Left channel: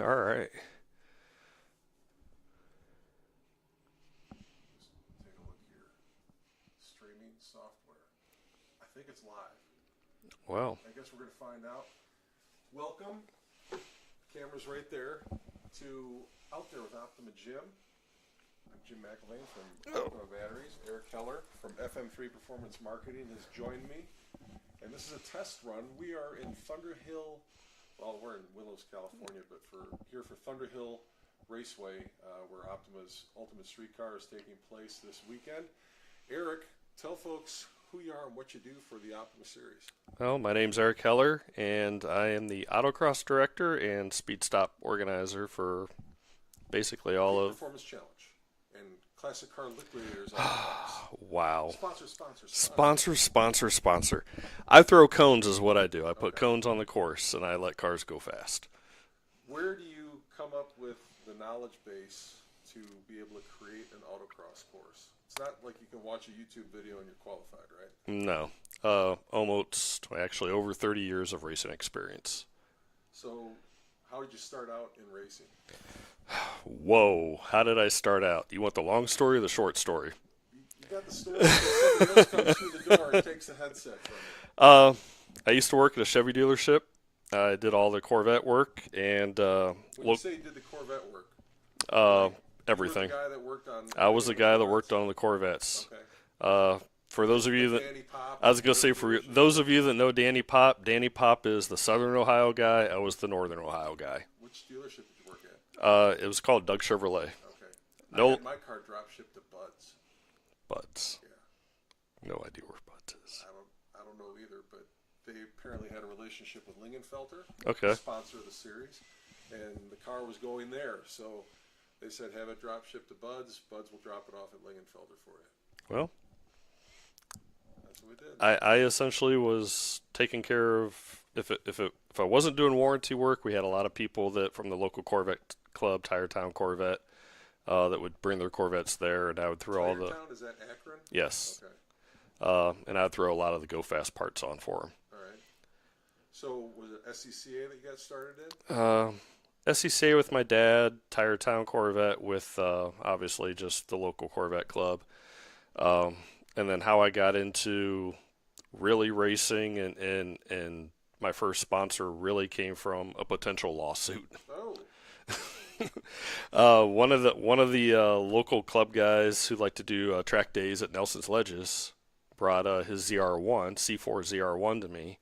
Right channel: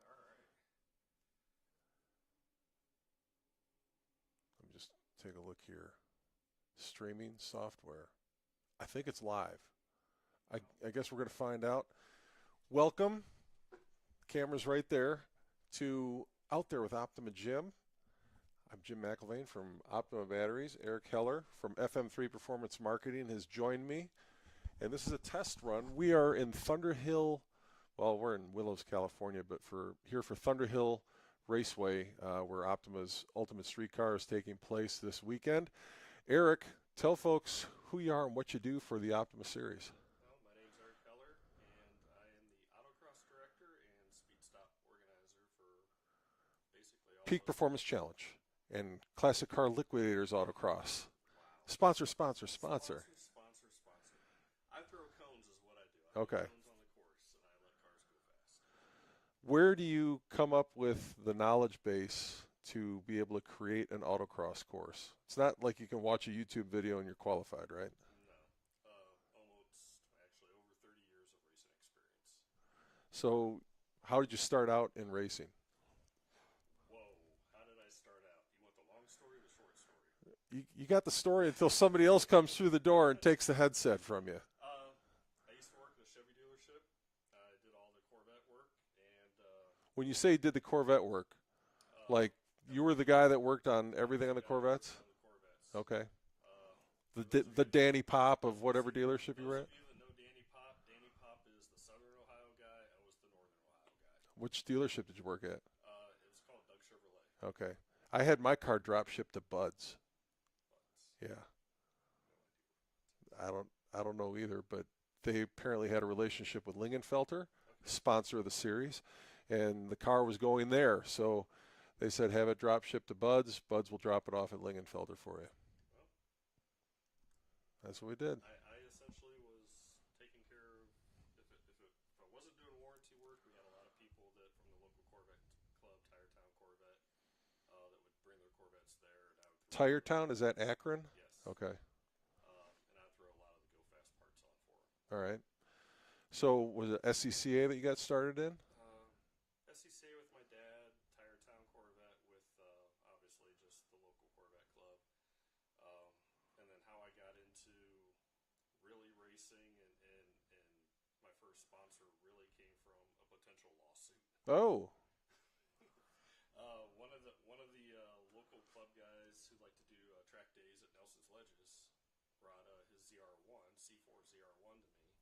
All right. Just take a look here. Streaming software. I think it's live. Well, I guess we're going to find out. Welcome. Camera's right there to Out There with OPTIMA Jim. I'm Jim McElvain from Optima Batteries. Eric Heller from FM3 Performance Marketing has joined me. And this is a test run. We are in Thunderhill. Well, we're in Willows, California, but here for Thunderhill Raceway, where Optima's Ultimate Street Car is taking place this weekend. Eric, tell folks who you are and what you do for the Optima Series. well, my name's Eric Heller, and I am the autocross director and speed stop organizer for basically all Peak of. Performance Challenge and Classic Car Liquidators all across. Wow. Sponsor. I throw cones is what I do. I put Okay. cones on the course, and I let cars go fast. Where do you come up with the knowledge base to be able to create an autocross course? It's not like you can watch a YouTube video and you're qualified, right? No. Almost, actually, over 30 years of racing experience. So how did you start out in racing? Whoa. How did I start out? You want the long story or the short story? You got the story until somebody else comes through the door and takes the headset from you. I used to work at a Chevy dealership. I did all the Corvette work and When you say you did the Corvette work, everything. you were the guy that worked on. I was the guy that Corvettes? worked on the Corvettes. Okay. For those of you that Danny Pop. I was going to say, for those of you that know Danny Pop is the Southern Ohio guy. I was the Northern Ohio guy. Which dealership did you work at? It was called Doug Chevrolet. Okay. No. I had my car drop shipped to Bud's. Buds. Yeah. No idea where Buds is. I don't know either, but they apparently had a relationship with Lingenfelter, Okay. sponsor of the series, and the car was going there. So they said, have it drop shipped to Bud's. Bud's will drop it off at Lingenfelter for you. Well, That's what we did. I essentially was taking care of if I wasn't doing warranty work, we had a lot of people that from the local Corvette club, Tire Town Corvette, that would bring their Corvettes there, and I would throw all Tire the Town, is that Akron? yes, Okay. and I'd throw a lot of the go fast parts on for them. All right. So was it SCCA that you got started in? SCCA with my dad, Tire Town Corvette with obviously just the local Corvette club. And then how I got into really racing and my first sponsor really came from a potential lawsuit. Oh. One of the local club guys who like to do track days at Nelson's Ledges brought his ZR1, C4 ZR1 to me.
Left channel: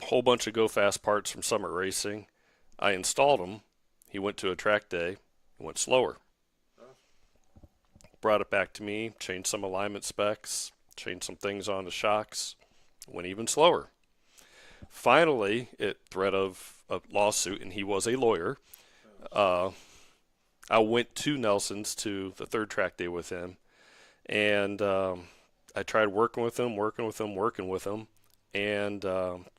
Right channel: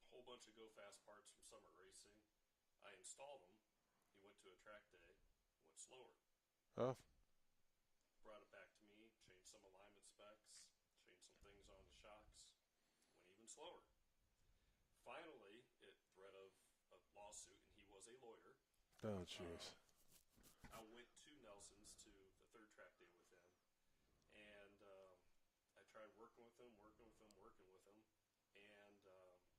A whole bunch of go fast parts from Summit Racing. I installed them. He went to a track day, went slower. Oh. Brought it back to me, changed some alignment specs, changed some things on the shocks, went even slower. Finally, at threat of a lawsuit, and he was a lawyer, I went to Nelson's to the third track day with him, and I tried working with him, and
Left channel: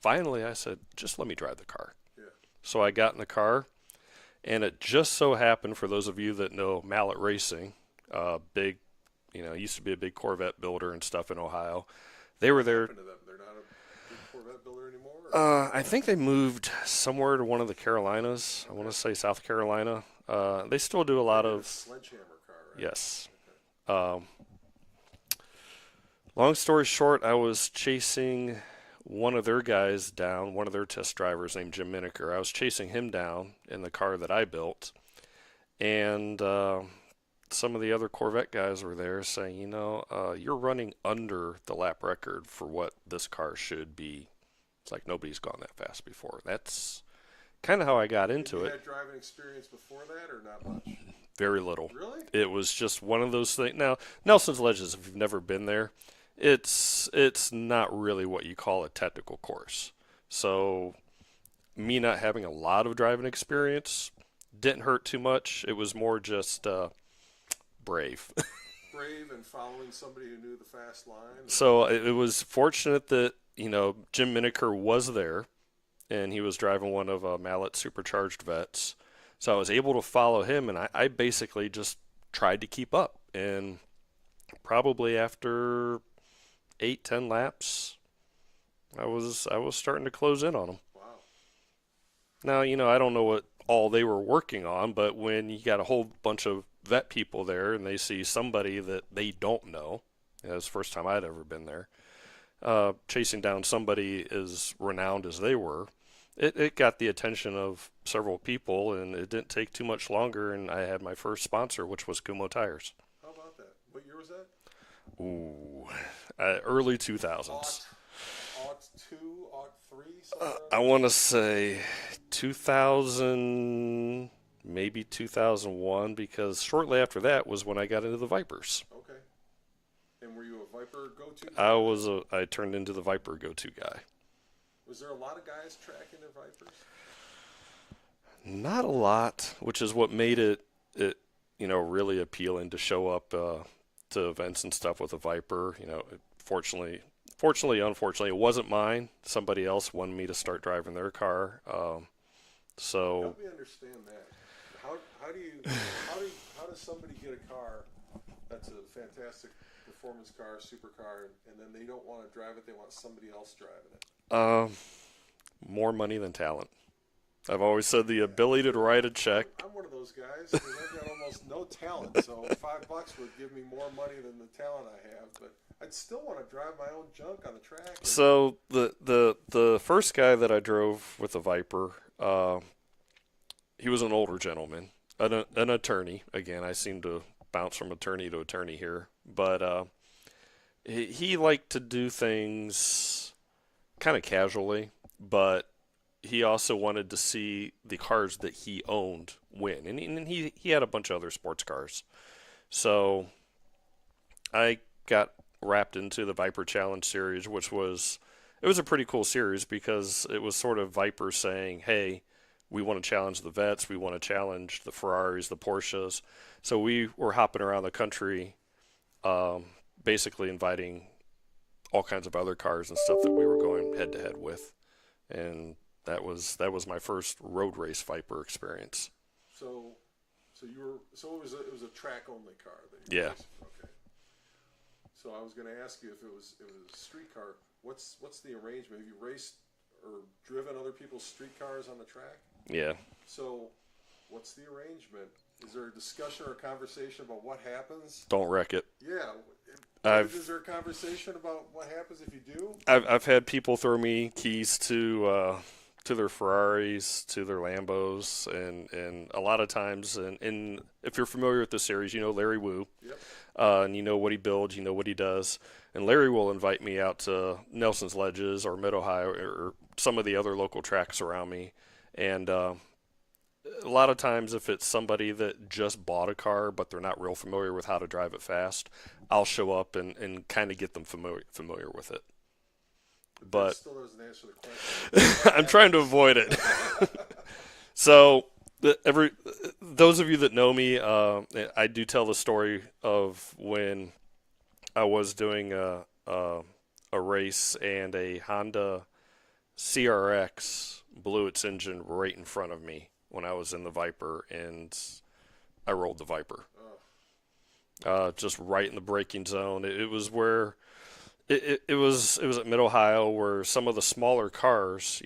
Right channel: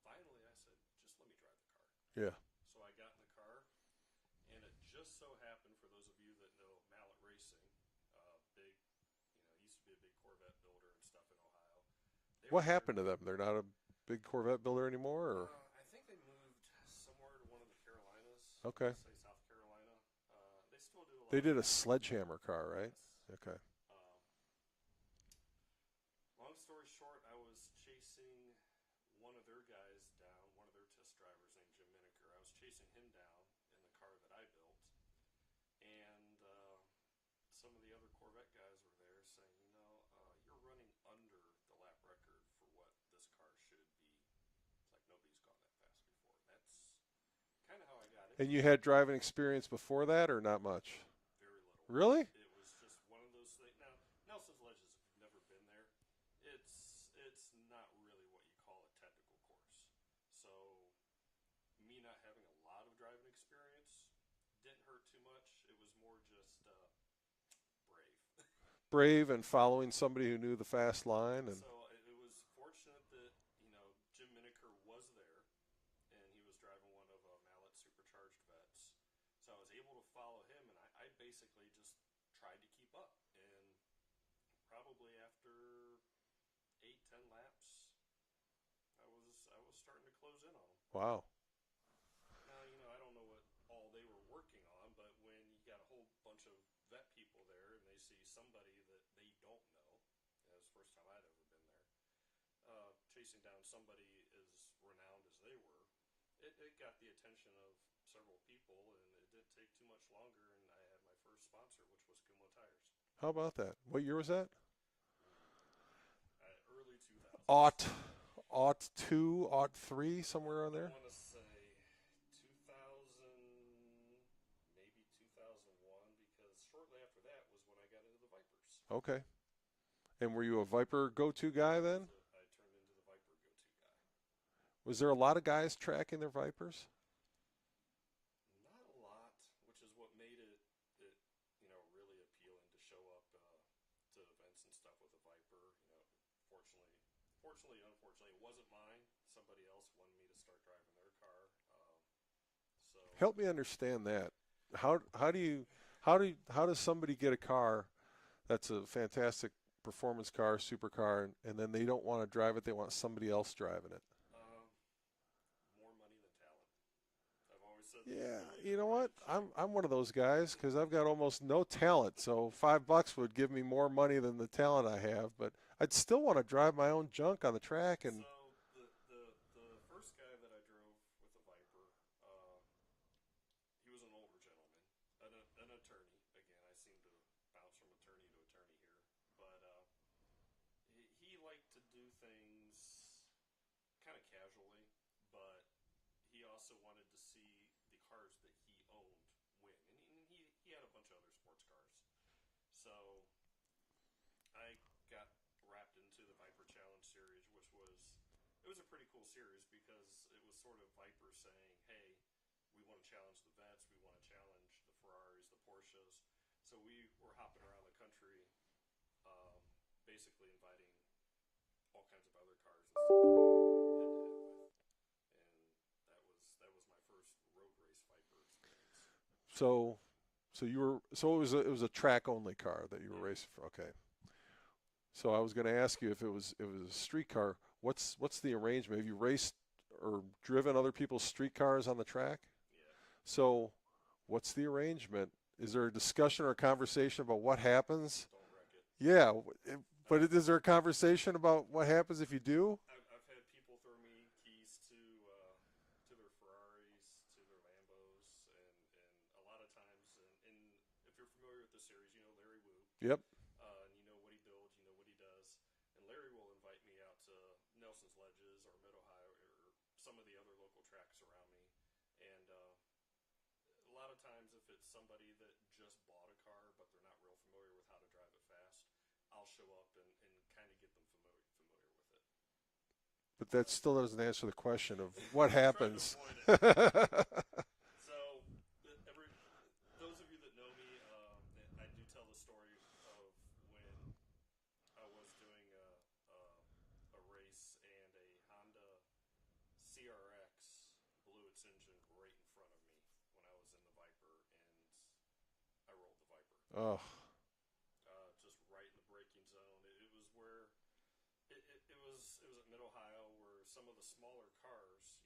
finally I said, just let me drive the car. Yeah. So I got in the car, and it just so happened, for those of you that know Mallet Racing, big, used to be a big Corvette builder and stuff in Ohio. They were there. What happened to them? They're not a big Corvette builder anymore? Or? I think they moved somewhere to one of the Carolinas. Okay. I want to say South Carolina. They still do a They lot did of a sledgehammer car, right? yes. Okay. Long story short, I was chasing one of their guys down, one of their test drivers named Jim Miniker. I was chasing him down in the car that I built, and some of the other Corvette guys were there saying, you're running under the lap record for what this car should be. It's like nobody's gone that fast before. That's kind of how I got into And it. you had driving experience before that, or not much? Very little. Really? It was just one of those things. Now, Nelson's Ledges, if you've never been there, it's not really what you call a technical course. So me not having a lot of driving experience didn't hurt too much. It was more just brave. Brave and following somebody who knew the fast line. So it was fortunate that, Jim Miniker was there, and he was driving one of Mallet's supercharged vets. So I was able to follow him, and I basically just tried to keep up. And probably after 8-10 laps, I was starting to close in on him. Wow. Now, I don't know what all they were working on, but when you got a whole bunch of vet people there and they see somebody that they don't know, it was the first time I'd ever been there, chasing down somebody as renowned as they were, it got the attention of several people, and it didn't take too much longer, and I had my first sponsor, which was Kumo Tires. How about that? What year was that? Ooh, early 2000s. Aught 2, aught 3, somewhere around I there? want to say 2000, maybe 2001, because shortly after that was when I got into the Vipers. Okay. And were you a Viper go-to guy then? I turned into the Viper go-to guy. Was there a lot of guys tracking their Vipers? Not a lot, which is what made it really appealing to show up to events and stuff with a Viper. Fortunately, unfortunately, it wasn't mine. Somebody else wanted me to start driving their car. So help me understand that. How does somebody get a car that's a fantastic performance car, supercar, and then they don't want to drive it? They want somebody else driving it. more money than talent. I've always said the Yeah, ability you to know write what? a check. I'm one of those guys because I've got almost no talent. So $5 would give me more money than the talent I have. But I'd still want to drive my own junk on the track. So the first guy that I drove with the Viper, he was an older gentleman, an attorney. Again, I seem to bounce from attorney to attorney here, but he liked to do things kind of casually, but he also wanted to see the cars that he owned win, and he had a bunch of other sports cars. So I got wrapped into the Viper Challenge series, which was it was a pretty cool series because it was sort of Viper saying, "Hey, we want to challenge the vets, we want to challenge the Ferraris, the Porsches." So we were hopping around the country, basically inviting all kinds of other cars and stuff that we were going head to head with, and that was my first road race Viper experience. So it was a track only car that you were Yeah. racing for. Okay. So I was going to ask you if it was a street car. What's the arrangement? Have you raced or driven other people's street cars on the track? Yeah. So what's the arrangement? Is there a discussion or a conversation about what happens? Don't wreck it. Yeah. But I've is there a conversation about what happens if you do? I've had people throw me keys to their Ferraris, to their Lambos, and a lot of times, and if you're familiar with the series, you know Larry Wu, Yep. and you know what he builds, you know what he does, and Larry will invite me out to Nelson's Ledges or Mid Ohio or some of the other local tracks around me, and a lot of times if it's somebody that just bought a car but they're not real familiar with how to drive it fast, I'll show up and kind of get them familiar with it. But But that still doesn't answer the question. What I'm trying to happens? avoid it. So those of you that know me, I do tell the story of when I was doing a race and a Honda CRX blew its engine right in front of me when I was in the Viper, and I rolled the Viper. Oh, Just right in the braking zone. It was where it was at Mid Ohio where some of the smaller cars,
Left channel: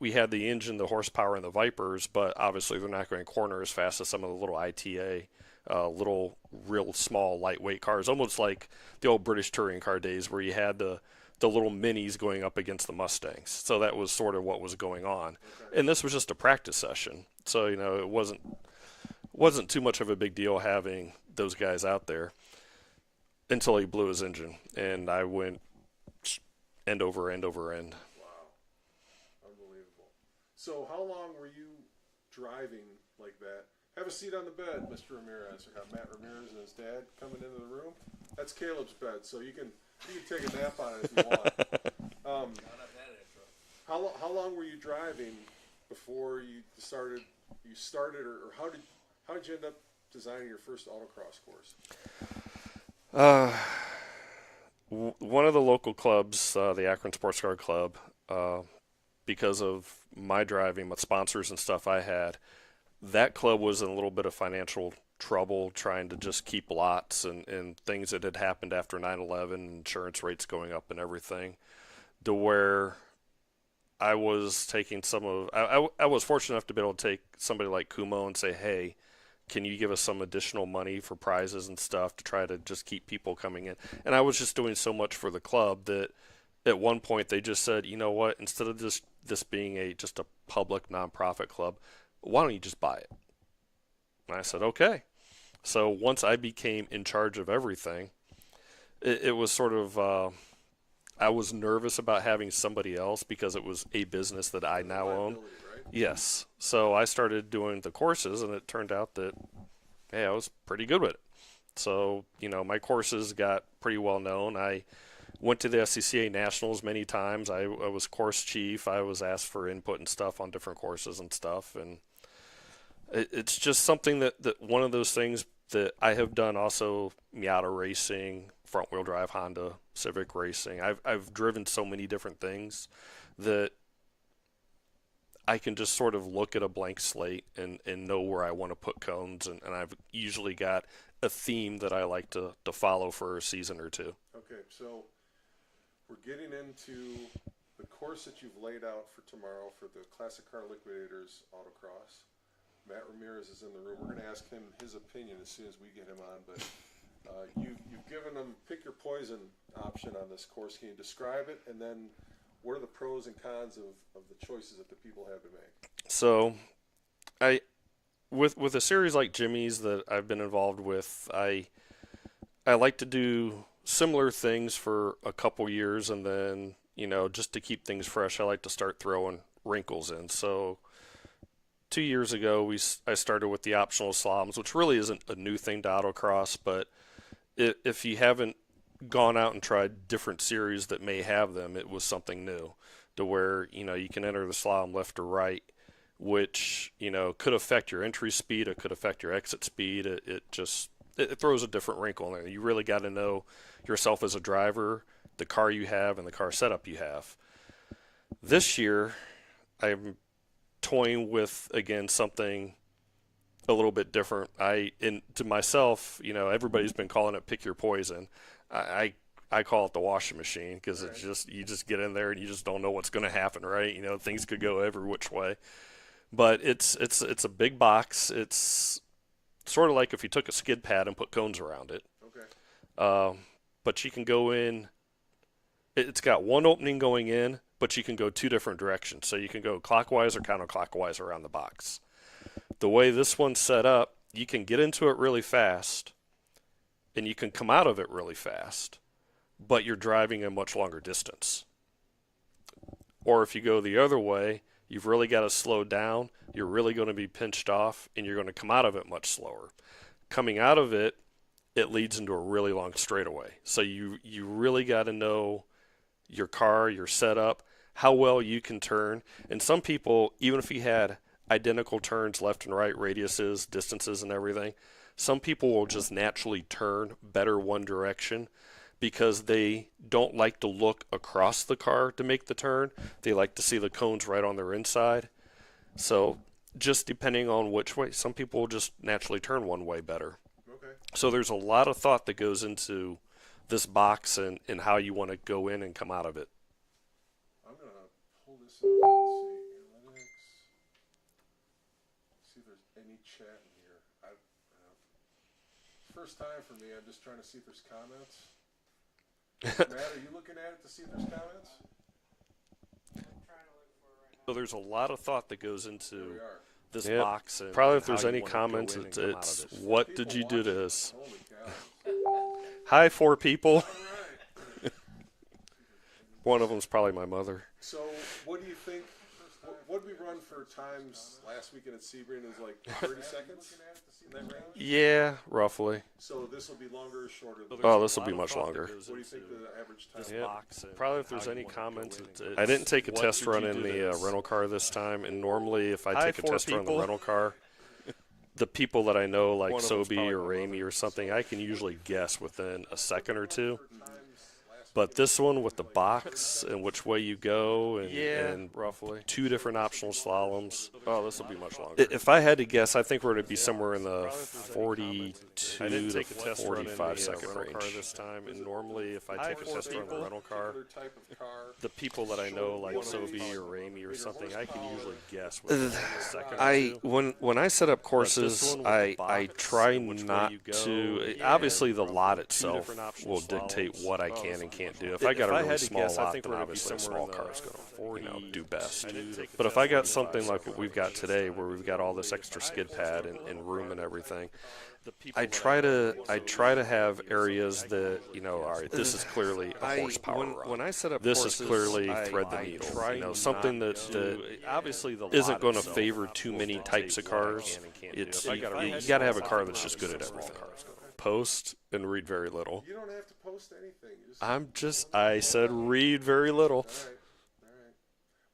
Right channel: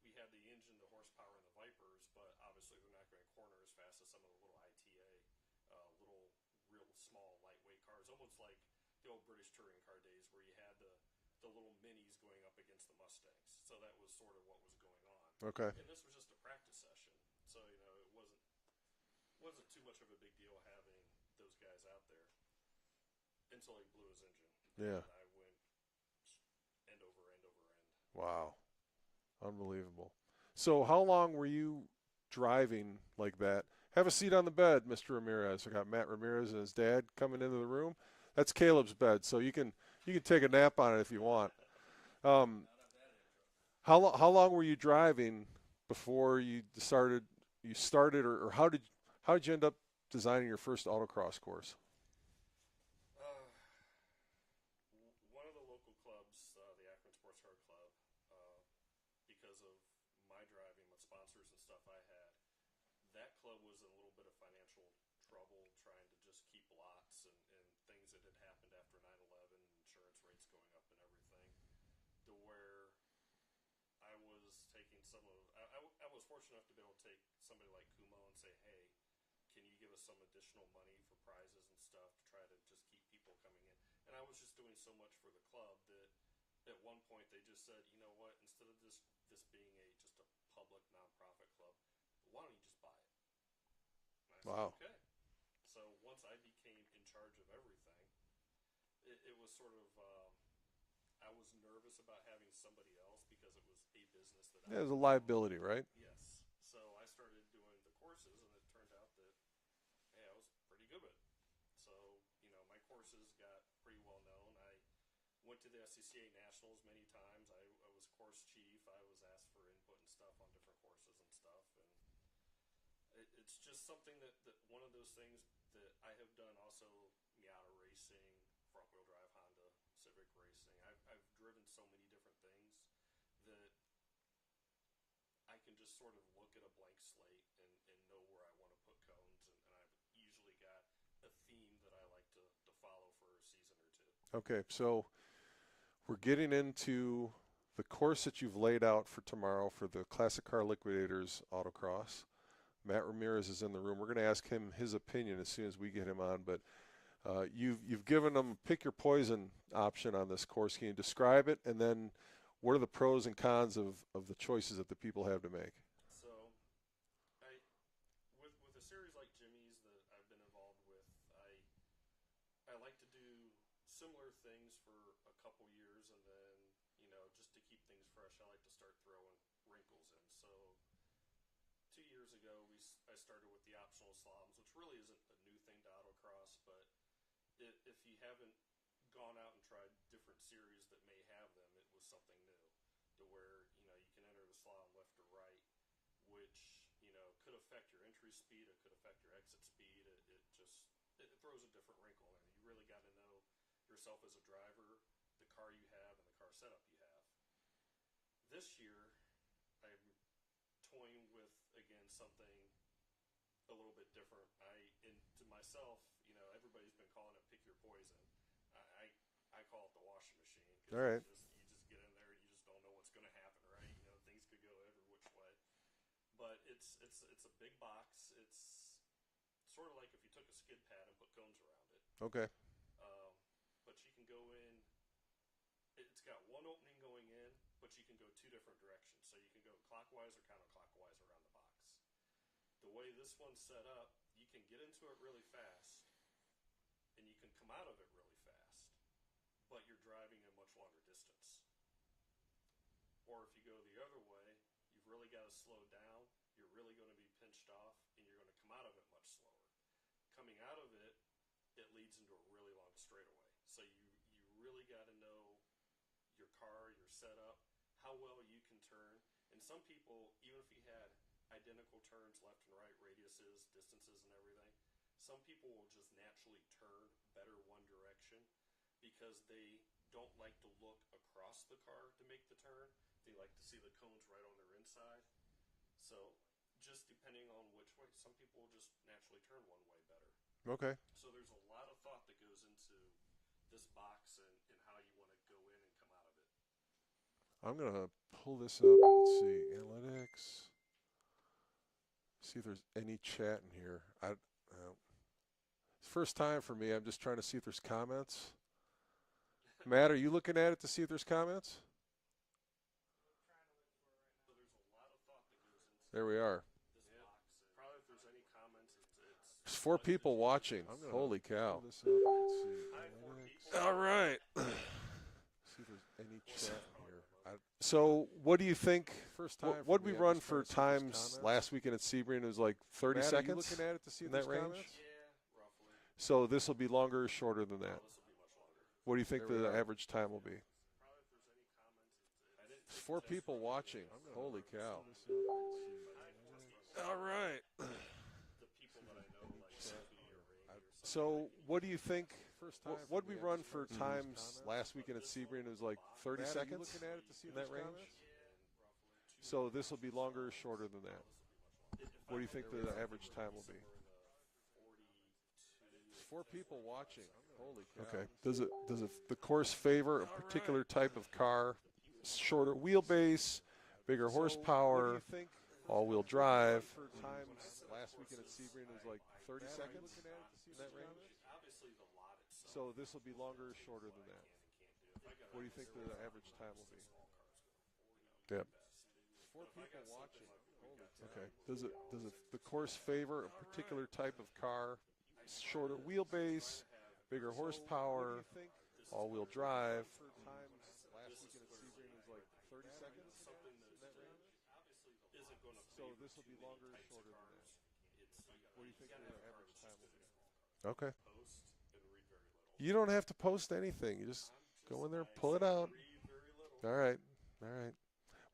we had the engine, the horsepower in the Vipers, but obviously they're not going to corner as fast as some of the little ITA, little real small lightweight cars, almost like the old British touring car days where you had the little minis going up against the Mustangs. So that was sort of what was going on. okay. And this was just a practice session. So, it wasn't too much of a big deal having those guys out there until he blew his engine, and I went end over end over end. Wow. Unbelievable. So how long were you driving like that? Have a seat on the bed, Mr. Ramirez. I got Matt Ramirez and his dad coming into the room. That's Caleb's bed, so you can take a nap on it if you want. How long were you driving before you started or how did you end up designing your first autocross course? One of the local clubs, the Akron Sports Car Club, because of my driving, with sponsors and stuff I had, that club was in a little bit of financial trouble trying to just keep lots and things that had happened after 9/11, insurance rates going up and everything, to where I was taking some of I was fortunate enough to be able to take somebody like Kumo and say, hey, can you give us some additional money for prizes and stuff to try to just keep people coming in? And I was just doing so much for the club that at one point they just said, you know what, instead of this being just a public nonprofit club, why don't you just buy it? And I said, okay. So once I became in charge of everything, it was sort of I was nervous about having somebody else because it was a business that I now own. Liability, right? Yes. So I started doing the courses, and it turned out that, hey, I was pretty good with it. So, my courses got pretty well known. I went to the SCCA Nationals many times. I was course chief. I was asked for input and stuff on different courses and stuff. And it's just something that one of those things that I have done also, Miata racing, front wheel drive Honda Civic racing. I've driven so many different things that I can just sort of look at a blank slate and know where I want to put cones, and I've usually got a theme that I like to follow for a season or two. Okay, so we're getting into the course that you've laid out for tomorrow for the Classic Car Liquidators Autocross. Matt Ramirez is in the room. We're going to ask him his opinion as soon as we get him on, but you've given them pick your poison option on this course. Can you describe it, and then what are the pros and cons of the choices that the people have to make? So, with a series like Jimmy's that I've been involved with, I like to do similar things for a couple years, and then just to keep things fresh, I like to start throwing wrinkles in. So 2 years ago, I started with the optional slaloms, which really isn't a new thing to autocross, but if you haven't gone out and tried different series that may have them, it was something new to where, you can enter the slalom left or right, which, could affect your entry speed. It could affect your exit speed. It throws a different wrinkle in there. You really got to know yourself as a driver, the car you have, and the car setup you have. This year, I'm toying with, again, something a little bit different. To myself, everybody's been calling it pick your poison. I call it the washing machine because Right. it's just, you just get in there and you just don't know what's going to happen, right? Things could go every which way. But it's a big box. It's sort of like if you took a skid pad and put cones around it. Okay. But you can go in. It's got one opening going in, but you can go two different directions. So you can go clockwise or counterclockwise around the box. The way this one's set up, you can get into it really fast, and you can come out of it really fast, but you're driving a much longer distance. Or if you go the other way, you've really got to slow down. You're really going to be pinched off, and you're going to come out of it much slower. Coming out of it, it leads into a really long straightaway. So you really got to know your car, your setup, how well you can turn. And some people, even if you had identical turns left and right, radiuses, distances, and everything, some people will just naturally turn better one direction because they don't like to look across the car to make the turn. They like to see the cones right on their inside. So just depending on which way, some people will just naturally turn one way better. Okay. So there's a lot of thought that goes into this box and how you want to go in and come out of it. I'm going to pull this up. Let's see. Analytics. See if there's any chat in here. First time for me. I'm just trying to see if there's comments. Matt, are you looking at it to see if there's comments? So there's a lot of thought that goes into There we are. this Yep. box. And Probably and if there's how you any wanna go comments, in and come out of it's this. Four what people did you do watching. to this? Holy cow. Hi, 4 people. All right. One of them's probably my mother. So, what do you think? What did we run for times last weekend at Sebring? It was like 30 seconds in that range? Yeah, roughly. So, this will be longer or shorter than Oh, this will be much longer. What do you think the average time will be? Probably if there's any comments. I didn't take a test run in the rental car this time, and normally if I take a test run in the rental car, the people that I know, like Sobe or Ramey or something, I can usually guess within a second or two. But this one with the box and which way you go and roughly 2 different optional slaloms. Oh, this will be much longer. If I had to guess, I think we're going to be somewhere in the 42 to 45 second range. This time. Normally, if I take a test favor run rental car, particular type of car, the people that I shorter know, like wheelbase, Sophie or Amy or bigger something, horsepower, I can guess. With drive. When I set up courses, I try not to. Obviously, the lot itself will dictate what I can and can't do. If I got a really small lot, then obviously a small car is going to do best. But if I got something like what we've got today, where we've got all this extra skid pad and room and everything, I try to have areas that, all right, this is clearly a horsepower run. When I set up this is clearly thread the needle. Something that obviously isn't going to favor too many types of cars. You got to have a car that's just good at everything. Okay. Post and read very little. You don't have to post anything. I said read very little. All right.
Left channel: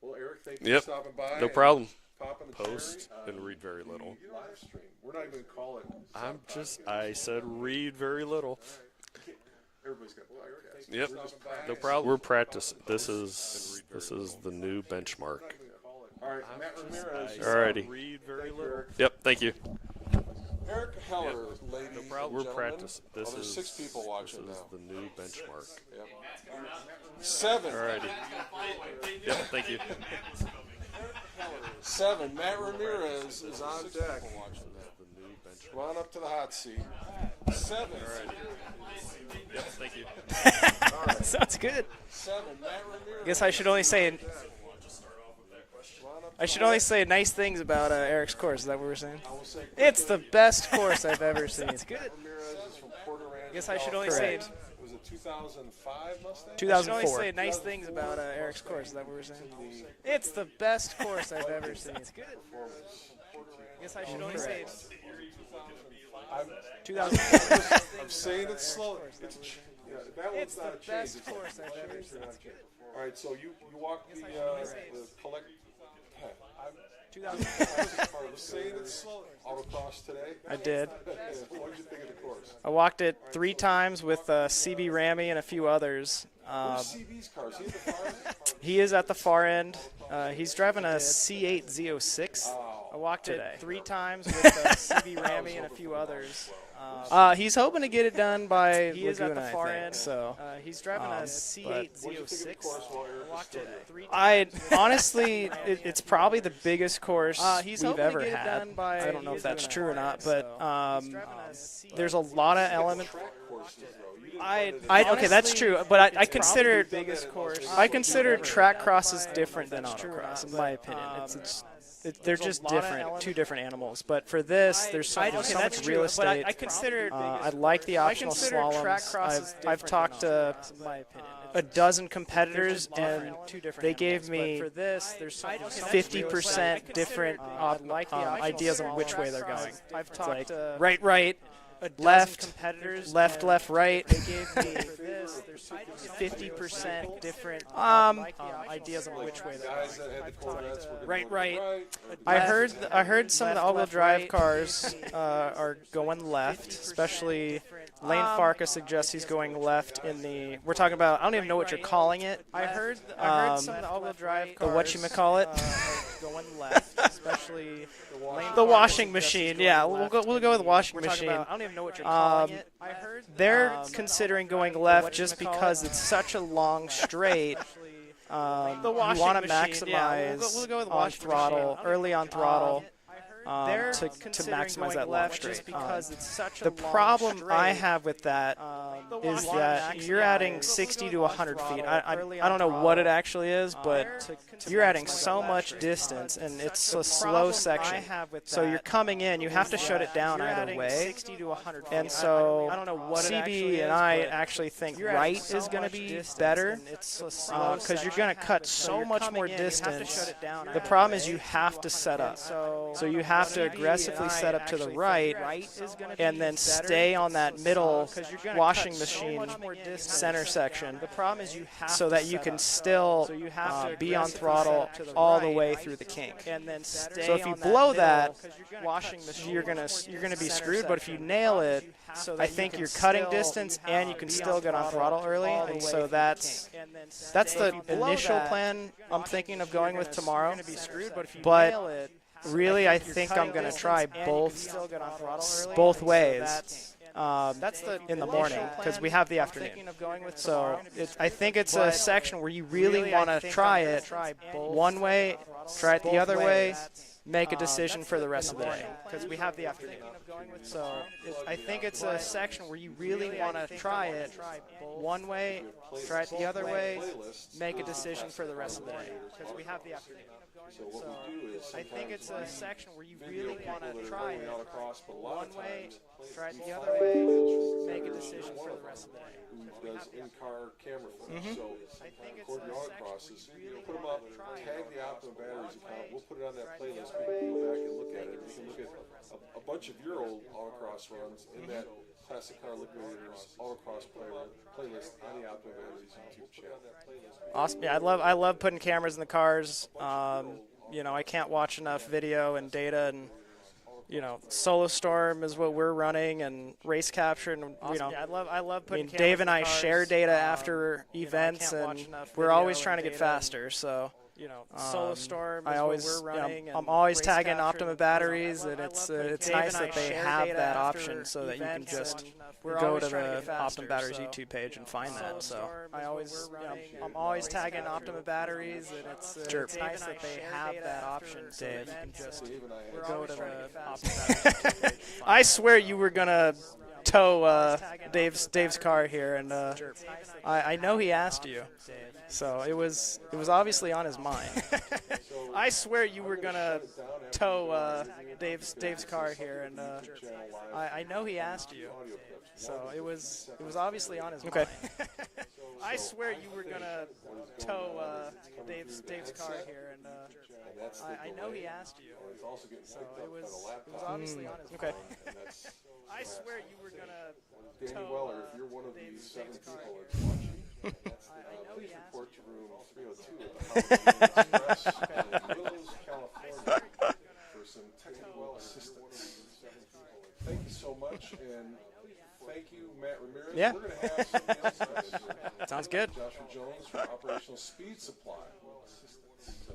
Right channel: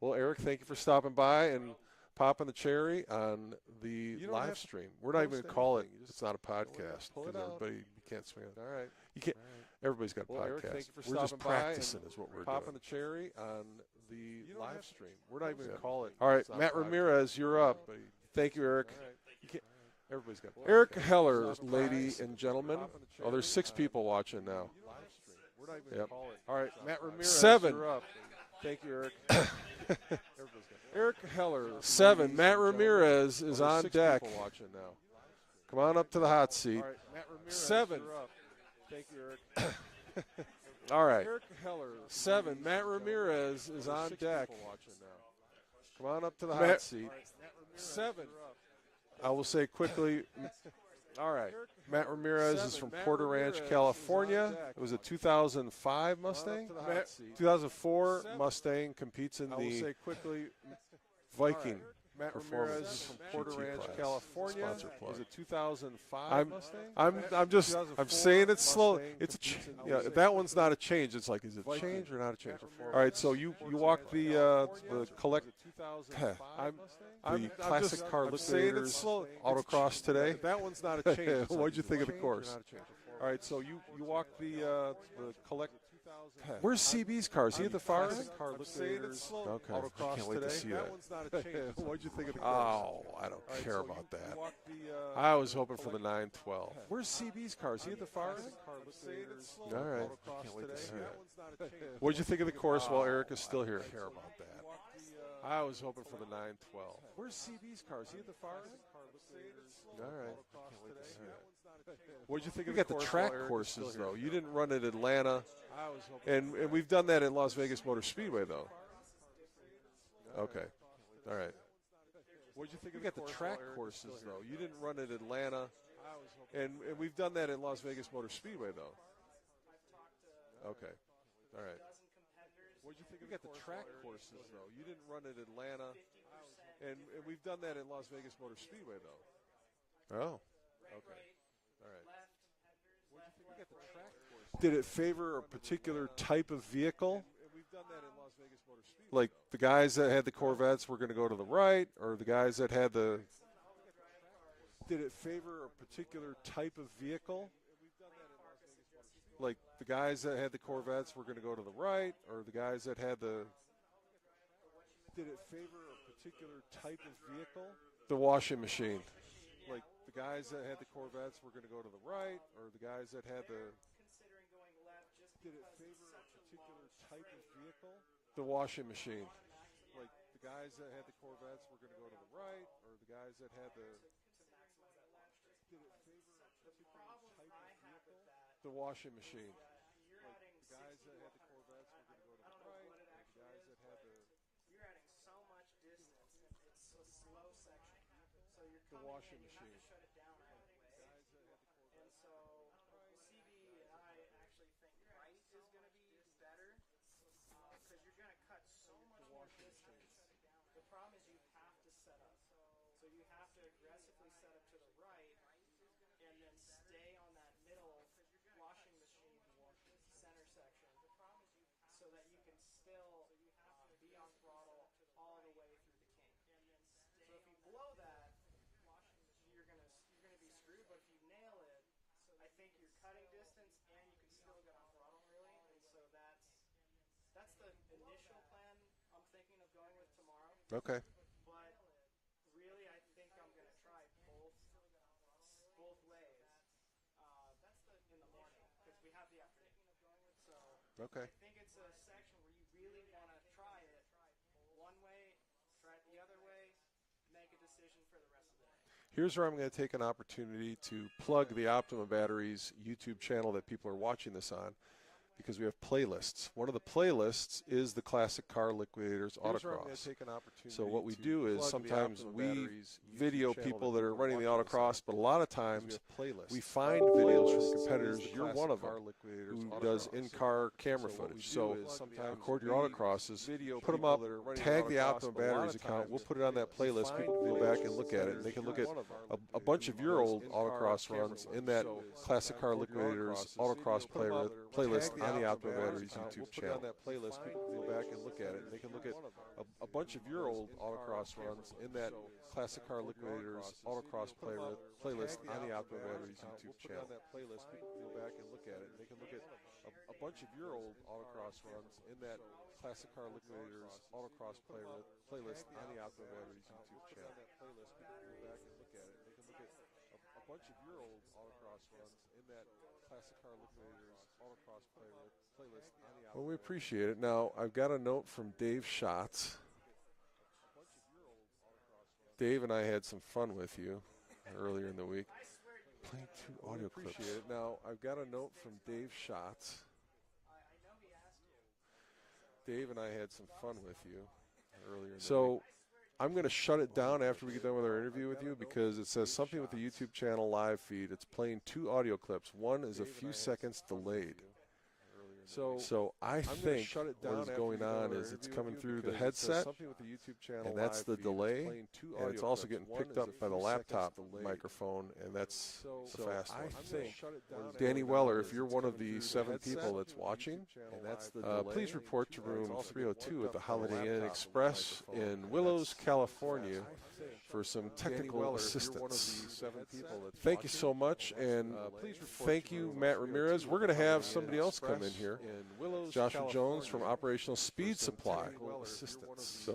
Well, Eric, thank you for stopping by. No problem. Popping the cherry on and read very little. Live stream. We're not even going to call it. It's not a podcast. I said read very little. All right. Everybody's got a podcast. Yep. We're just practicing. We're practicing. This is the new benchmark. All right, Matt Ramirez. You're Alrighty. up. Thank you, Eric. Yep. Thank you. Eric Heller, ladies and We're gentlemen. practicing. Oh, there's 6 people watching now. The new benchmark. Yep. All right, Matt Ramirez. 7. Alrighty. Thank you, Eric. Yeah. Thank you. Eric Heller. 7. Matt Ramirez is on deck. Come on up to the hot seat. 7. Yeah. Thank you. All right. Sounds good. 7. Matt Ramirez. Guess I should only is say on deck. Come on up to I the should hot only seat. say nice things about Eric's course. Is that what we're saying? I will say quickly. It's the best course I've ever seen. Matt Ramirez is from Porter Ranch, Guess I should only California. say It was a 2005 Mustang? 2004. I should only say nice things 2004 about Eric's Mustang course. Is that what we're competes in saying? the It's the best course I've ever Viking. seen. Matt Ramirez is from Porter Ranch, Guess I should only say California. It was a 2005 I'm saying it slow. It's that one's not a change. It's like, is it a change or not a change? All right, so you walk the collect. Classic car liquidators autocross today. I did. What'd you think of the course? I walked it 3 times with CB Ramy and a few others. Where's CB's car? Is he at the far end? He is at the far end. He's driving a C8 Z06. Oh, I walked it 3 terrible. times with CB I was Ramy and a hoping few for the others. 912. He's hoping to get it done by He is at the Laguna, far I think, end. so he's driving a C8. What'd you think of the course while Eric is still here? I honestly, it's probably the biggest course he's we've hoping to ever get it had. done I don't know if that's true or not, but there's a lot You of got the elements. track courses though. You didn't run it in Okay, that's true, but I And consider you've done that in Las Vegas. I consider track crosses different than autocross, in my opinion. They're just different, 2 different animals. But for this, there's so much real estate. I like the optional slaloms. I've talked to a dozen competitors, and they gave me 50% different ideas on which way they're going. It's like right, left, left, right. Do you favor a particular type of vehicle? different ideas on Like which way the they're guys that had the Corvettes were going to go to the right, or the I guys heard that had I the heard some of the all-wheel drive cars are going left, especially Lane Farka suggests he's going left in the. We're talking about. I don't even know what you're calling it. I heard some of the all-wheel drive cars. The whatchamacallit going left, especially the washing machine. Yeah, we'll go with the washing machine. I don't even know what you're calling it. I heard they're considering going left just because it's such a long straight. You want to maximize on throttle, early on throttle, to maximize that long straight. The problem I have with that is that you're adding 60 to 100 feet. I don't know what it actually is, but you're adding so much distance, and it's a slow section. So you're coming in, you have to shut it down either way. And so CB and I actually think right is going to be better because you're going to cut so much more distance. The problem is you have to set up. So you have to aggressively set up to the right and then stay on that middle washing washing machine center section. The problem is you have so that you can still be on throttle all the way through the kink. And then so if you blow that, you're gonna be screwed. But if you nail it, I think you're cutting distance and you can still get on throttle early. And so that's the initial plan I'm thinking of going with tomorrow. But really, I think I'm going to try both ways in the morning because we have the afternoon. So I think it's a section where you really want to try it one way, try it the other way, make a decision for the rest of the day because we have the take an opportunity so to plug I the think it's a section where you really want to try it one way, try it the other way, playlists make a is the decision classic for the car rest of the day. liquidators autocross. So what we do is I think sometimes it's a we section where you video really people wanna that are try running the it autocross, but a lot of times we the find other way, videos from make a competitors. decision You're one of them who does in-car camera footage. So record your autocrosses, put them up, tag the Optima Batteries account. We'll put it on that playlist. People can go back and look at it. And they can look at a bunch of your old autocross runs in that Classic Car Liquidators autocross playlist on the Optima Batteries YouTube channel. Awesome. Yeah, I love putting cameras in the cars. You know, I can't watch enough video and data, and you know, Solo Storm is what we're running, and Race Capture, and you know, I love putting. Dave and I share data after events, and we're always trying to get faster. So. You know, Solo Storm. I'm always tagging Optima Batteries, and it's nice that they have that option so that you can just go to the Optima Batteries YouTube page and find that. So Appreciate I'm it. always Now, I tagging got a Optima note from Batteries. Dave Schatz. It's nice that they have that option, Dave. Dave and I had some fun with you earlier in the week. I swear you were gonna tow Dave's car here, and I know he asked you. So it was obviously on his mind. So I swear you I'm were gonna shut it down after tow you do our interview with Dave's you because car it says something here, with the and, YouTube channel live I feed. know he It's playing asked two you. audio clips. One is it a was few seconds obviously delayed. on his mind. So I swear I you were think gonna what is going on is it's coming through the headset, and that's the delay, and it's also getting picked up by the laptop microphone, and that's fast. I think Danny Weller, if you're one of the 7 people that's watching, please report to room 302 at the Holiday Inn Express in Willows, California, for some technical assistance. Thank you so much, and thank you, Matt Ramirez. Yeah. We're going to have somebody else come in here. Sounds good. Joshua Jones from Operational Speed Supply Assistance. So